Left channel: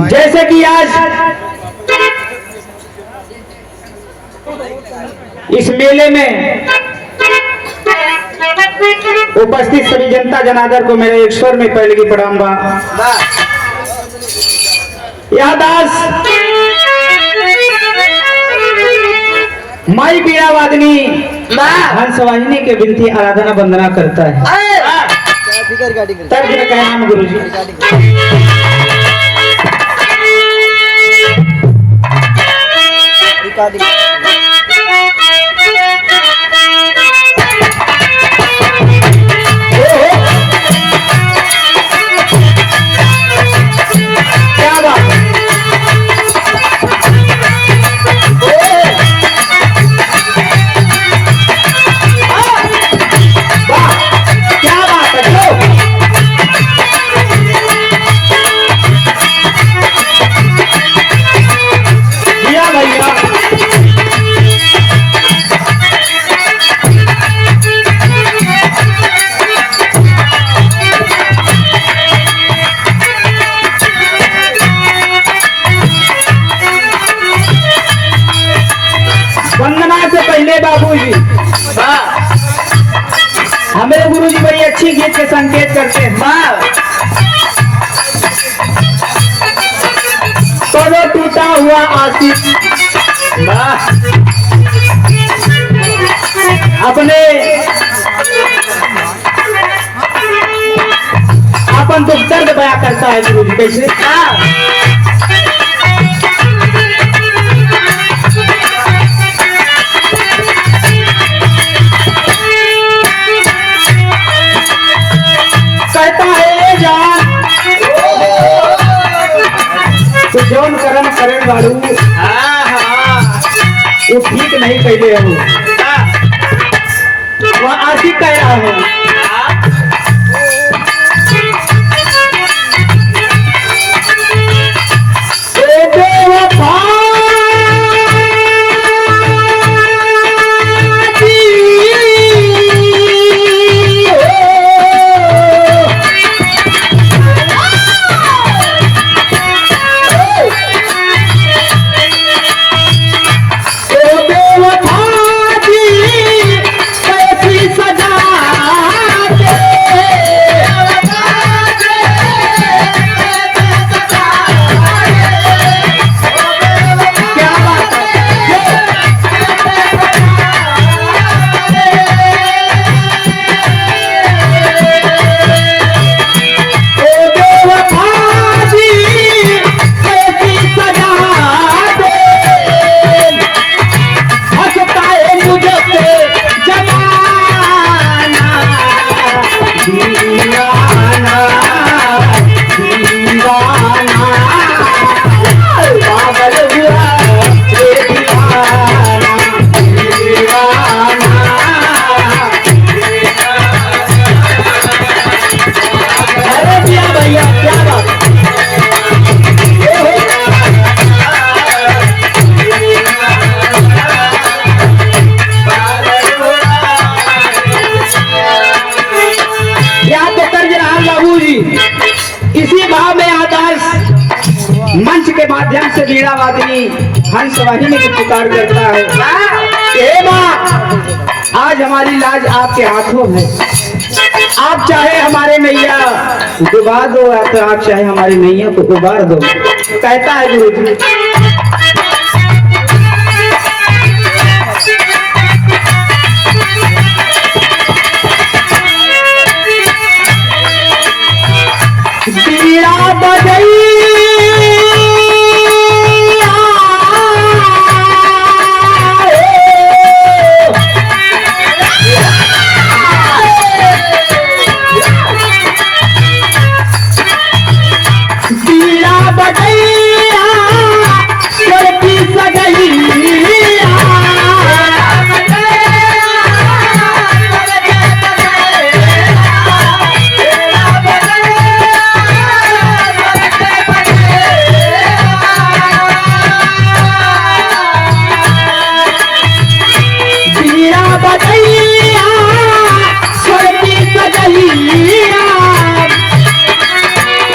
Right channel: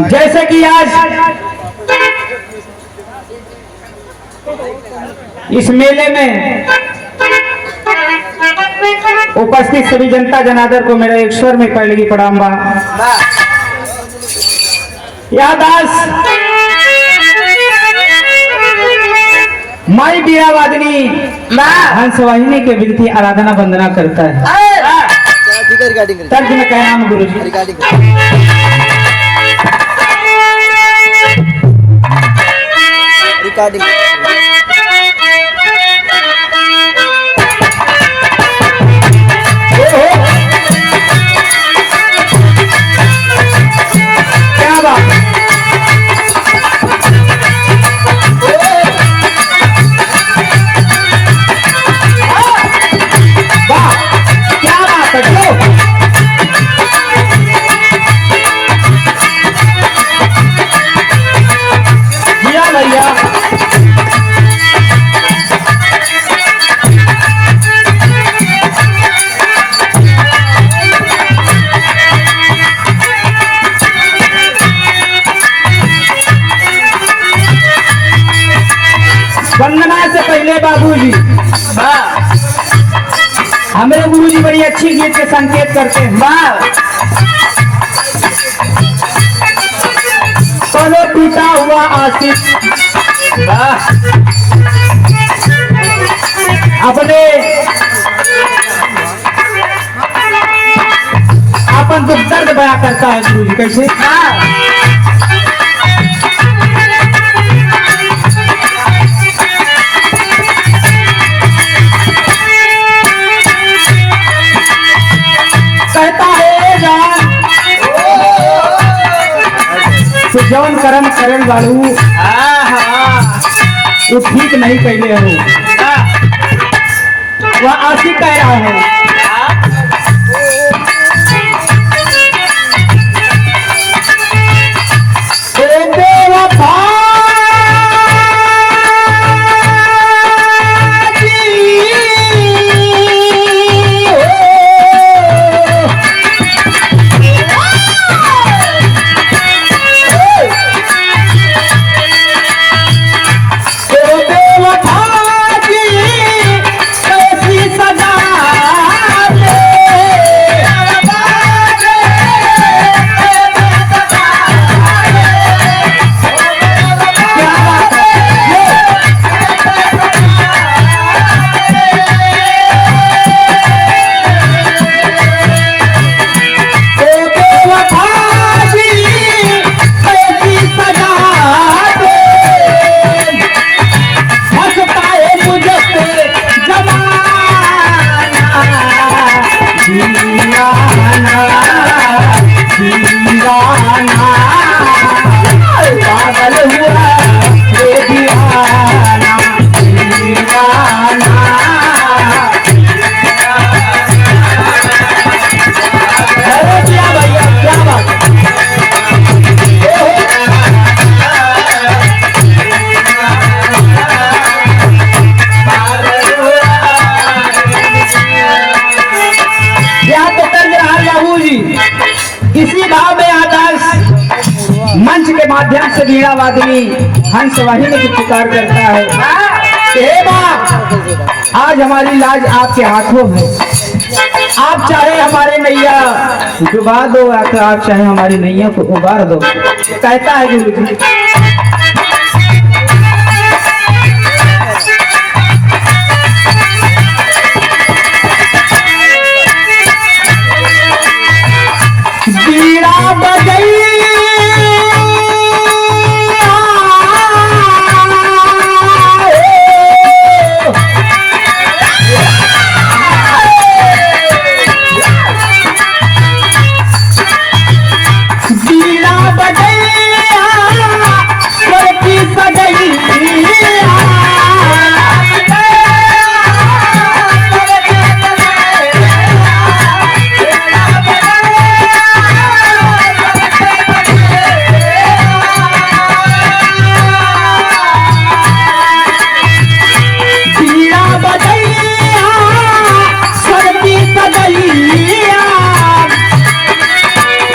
जैसे कि आज इस मेले में उपस्थित सभी जनता जनार्दन को मेरे एक स्वर में पहले की प्रणाम बा। यह दास माई बीड़ा वादनी हंसवाहिनी के विनती आराधना वंदना करता है। तर्ज में क्या नाम गुरु जी? क्या बात है? वाह, क्या बात है? दिया भैया। वंदना से पहले बाबूजी, हमारे गुरुजी बड़ी अच्छी गीत के संकेत करते हैं। कदो टूटा हुआ आशिक अपने अपन दुख दर्द बयां करता है गुरुजी। कैसे? कहता है जान तो जौन कर्म करण वालू वो ठीक नहीं पहले हो, वह आशिक कह रहा है। इसी भाव में आदर्श मंच के माध्यम से बीड़ा वादनी हंसवाहिनी की पुकार करता है। हे मां, आज हमारी लाज आपके हाथों में। आप चाहे हमारे नैया डुबा दो या फिर आप चाहे हमारी नैया को उबार दो। कहता है गुरु जी, बीड़ा बजई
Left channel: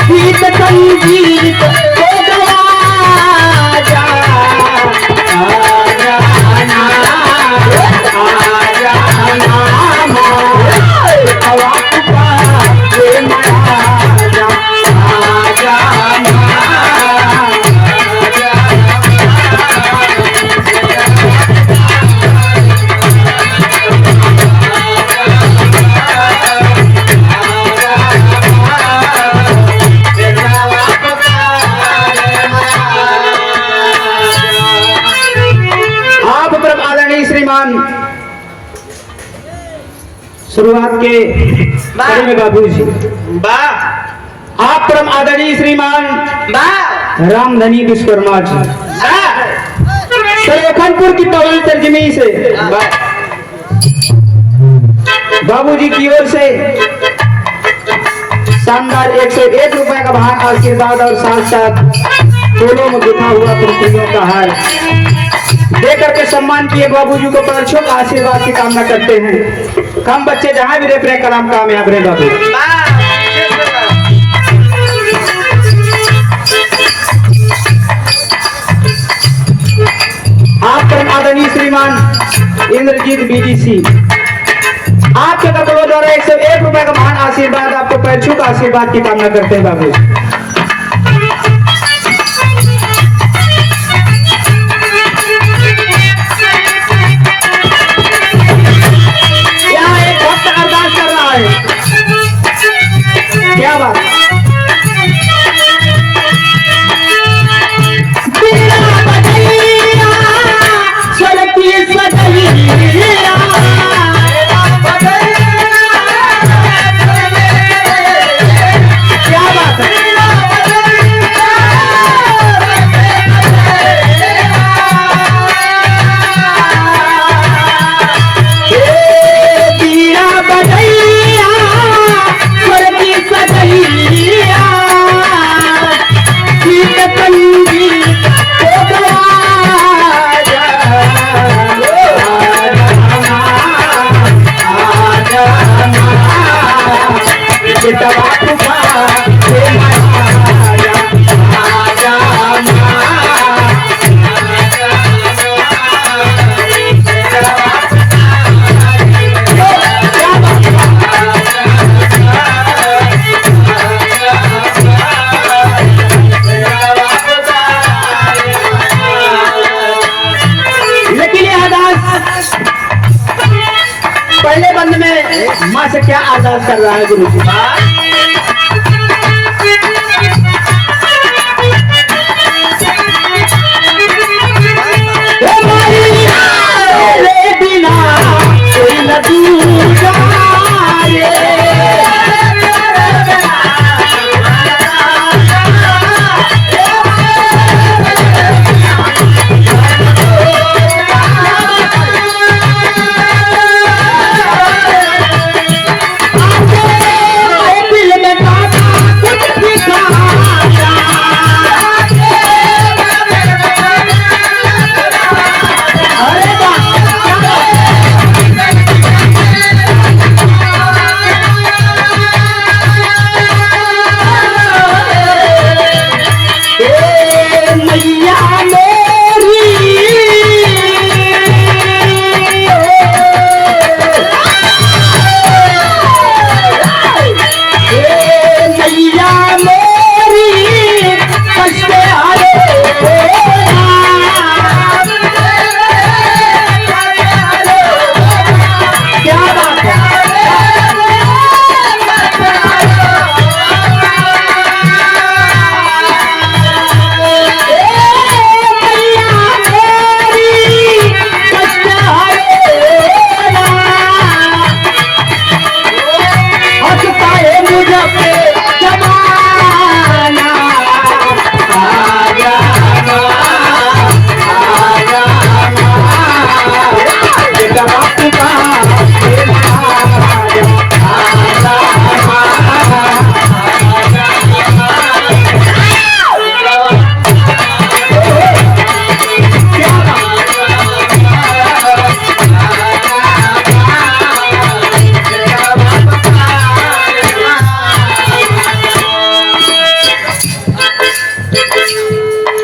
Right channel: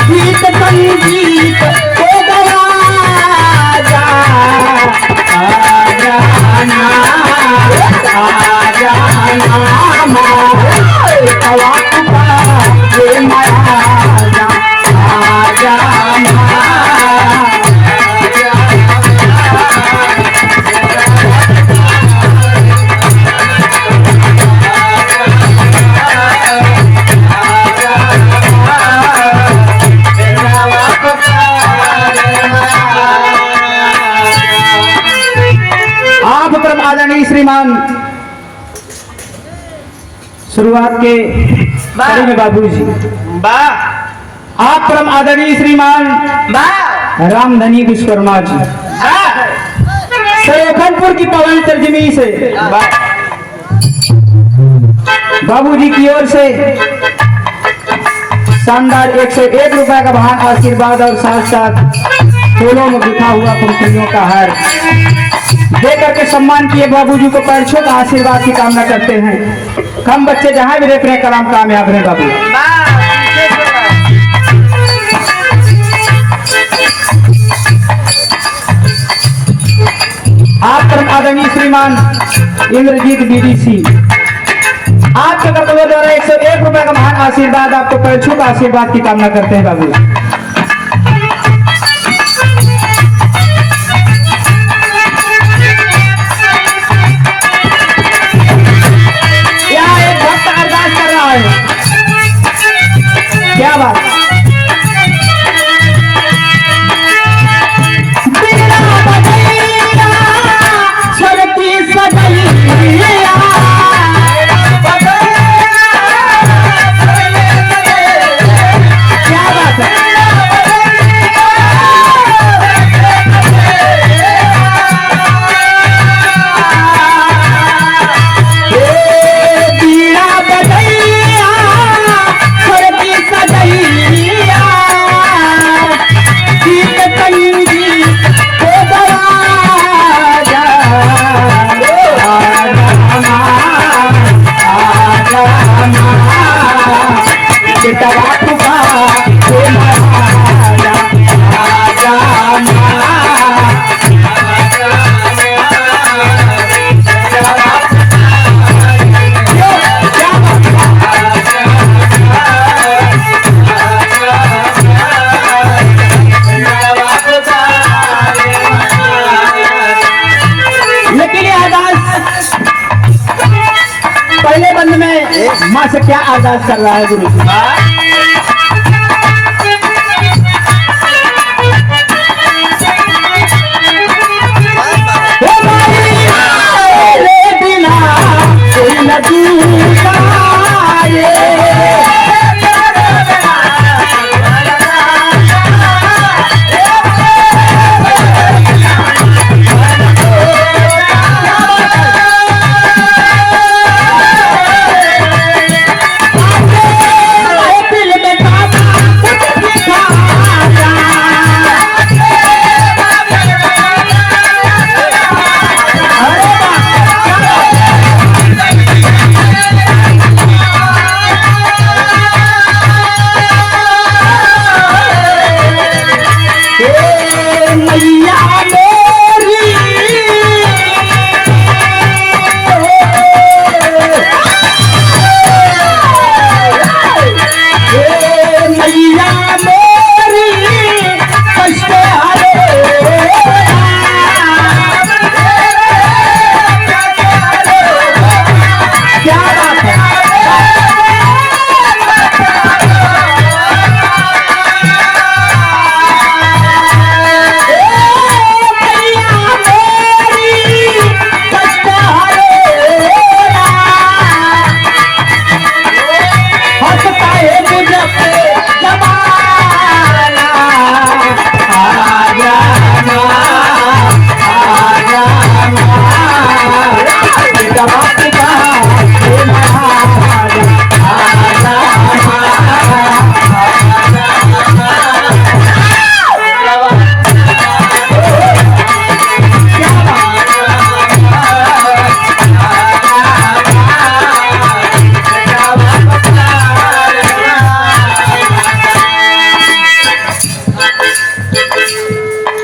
गीत संगीत श्रीमान शुरुआत के कड़ी में बाबूजी आप परम आदरणीय श्रीमान रामधनी विश्वकर्मा जी सरोखनपुर की पवन तर्जमी से बाबूजी की ओर से शानदार 101 रुपए का महान आशीर्वाद और साथ साथ फूलों में गुथा हुआ पंखुड़ियों का हार देकर के सम्मान किए बाबूजी को परसों का आशीर्वाद की कामना करते हैं। हम बच्चे जहां भी रहते हैं कलाम कामयाब रहे बाबू। आप परम आदरणीय श्रीमान इंद्रजीत बीडीसी आपके कर्तव्य द्वारा 101 रुपए का महान आशीर्वाद आपको परसों का आशीर्वाद की कामना करते हैं बाबू। क्या बात पहले बंद में माँ से क्या अरदास कर रहा है गुरु जी?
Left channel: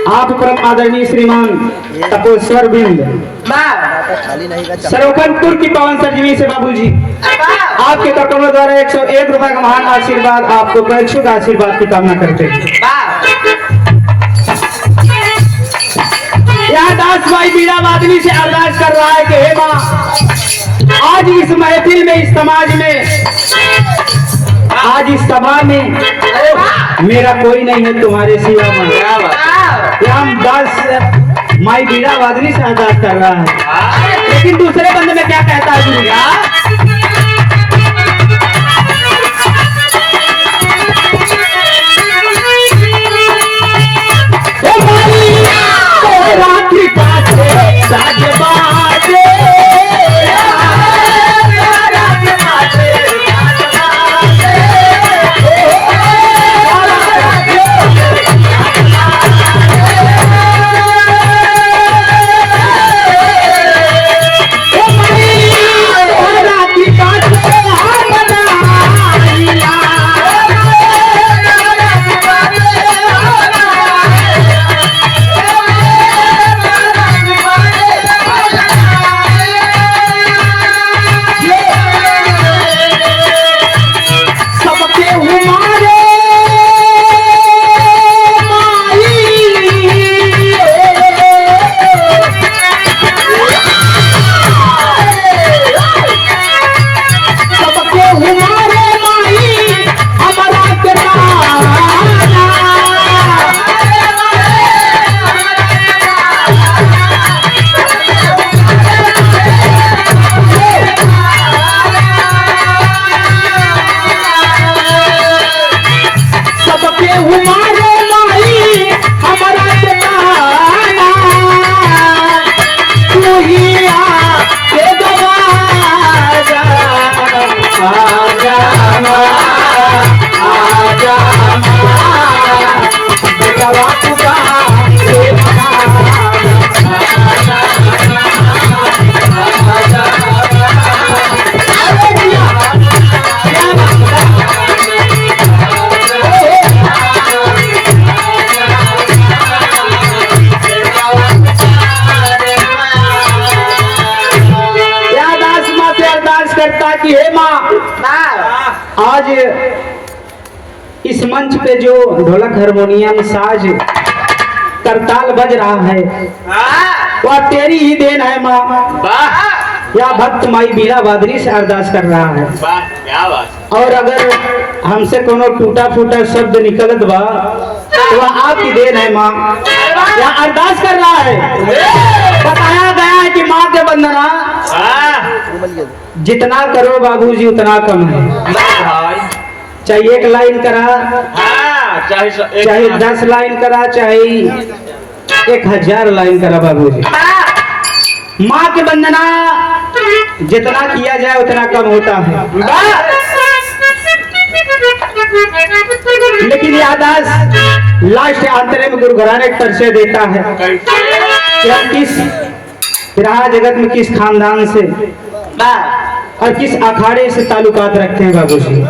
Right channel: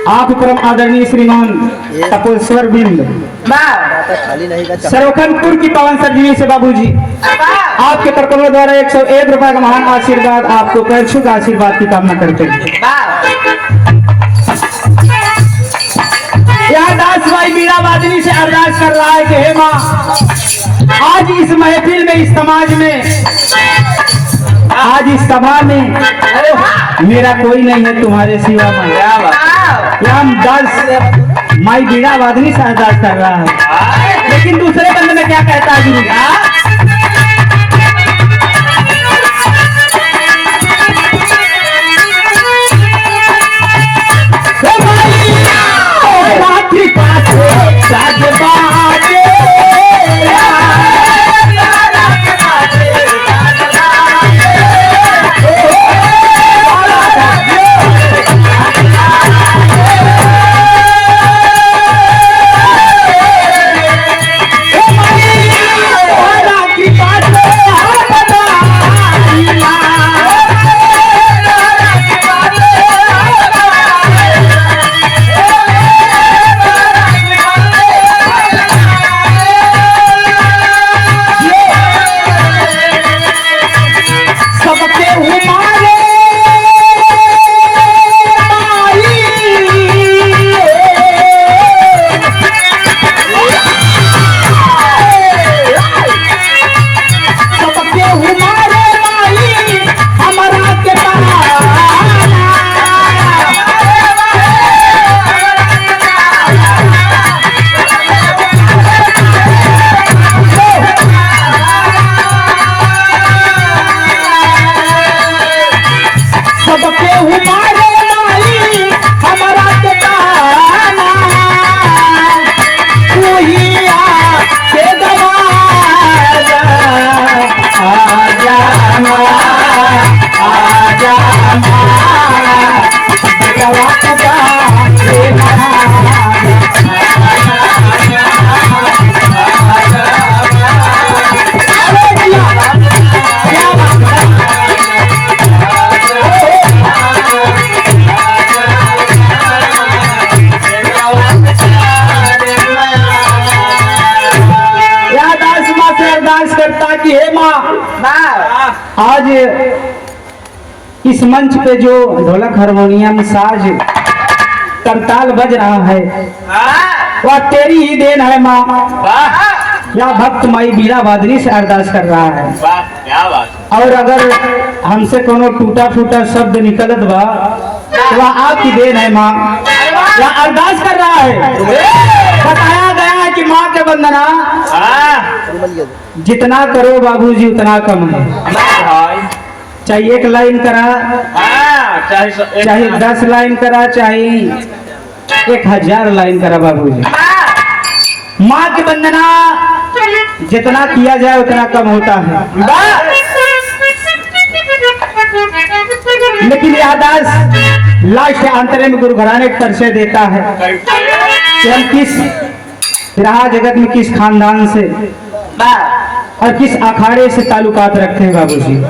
आप परम आदरणीय श्रीमान तपोश्वर बिंद सरोखनपुर की पवन सर्जनी से बाबूजी आपके कर्तव्य द्वारा 101 रुपए का महान आशीर्वाद आपको परशुद्ध आशीर्वाद की कामना करते हैं। यहाँ दास भाई बीड़ा वादनी से अरदास कर रहा है कि हे माँ आज इस महफिल में इस समाज में आज इस सभा में मेरा कोई नहीं है तुम्हारे सिवा में। रामदास माई बीड़ा वादनी से अरदास कर रहा है। लेकिन दूसरे बंद में क्या कहता है गुरु? कि हे माँ, आज इस मंच पे जो ढोलक हारमोनियम साज करताल बज रहा है वह तेरी ही देन है माँ। या भक्त माई बीड़ा वादनी से अरदास कर रहा है। क्या बात। और अगर हमसे कोनो टूटा फूटा शब्द निकलत बा तो वह आपकी देन है माँ। या अरदास कर रहा है। बताया गया है कि माँ के वंदना जितना करो बाबूजी उतना कम है। चाहे एक लाइन करा, चाहे 10 लाइन करा, चाहे 1000 लाइन करा बाबूजी, माँ की वंदना जितना किया जाए उतना कम होता है। लेकिन यादाश्त लास्ट अंतरे में गुरु घराने पर से देता है कि हम किस विराह जगत में किस खानदान से और किस अखाड़े से ताल्लुकात रखते हैं बाबूजी।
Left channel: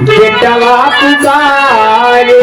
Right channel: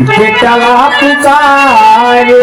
बेटवा पुकारे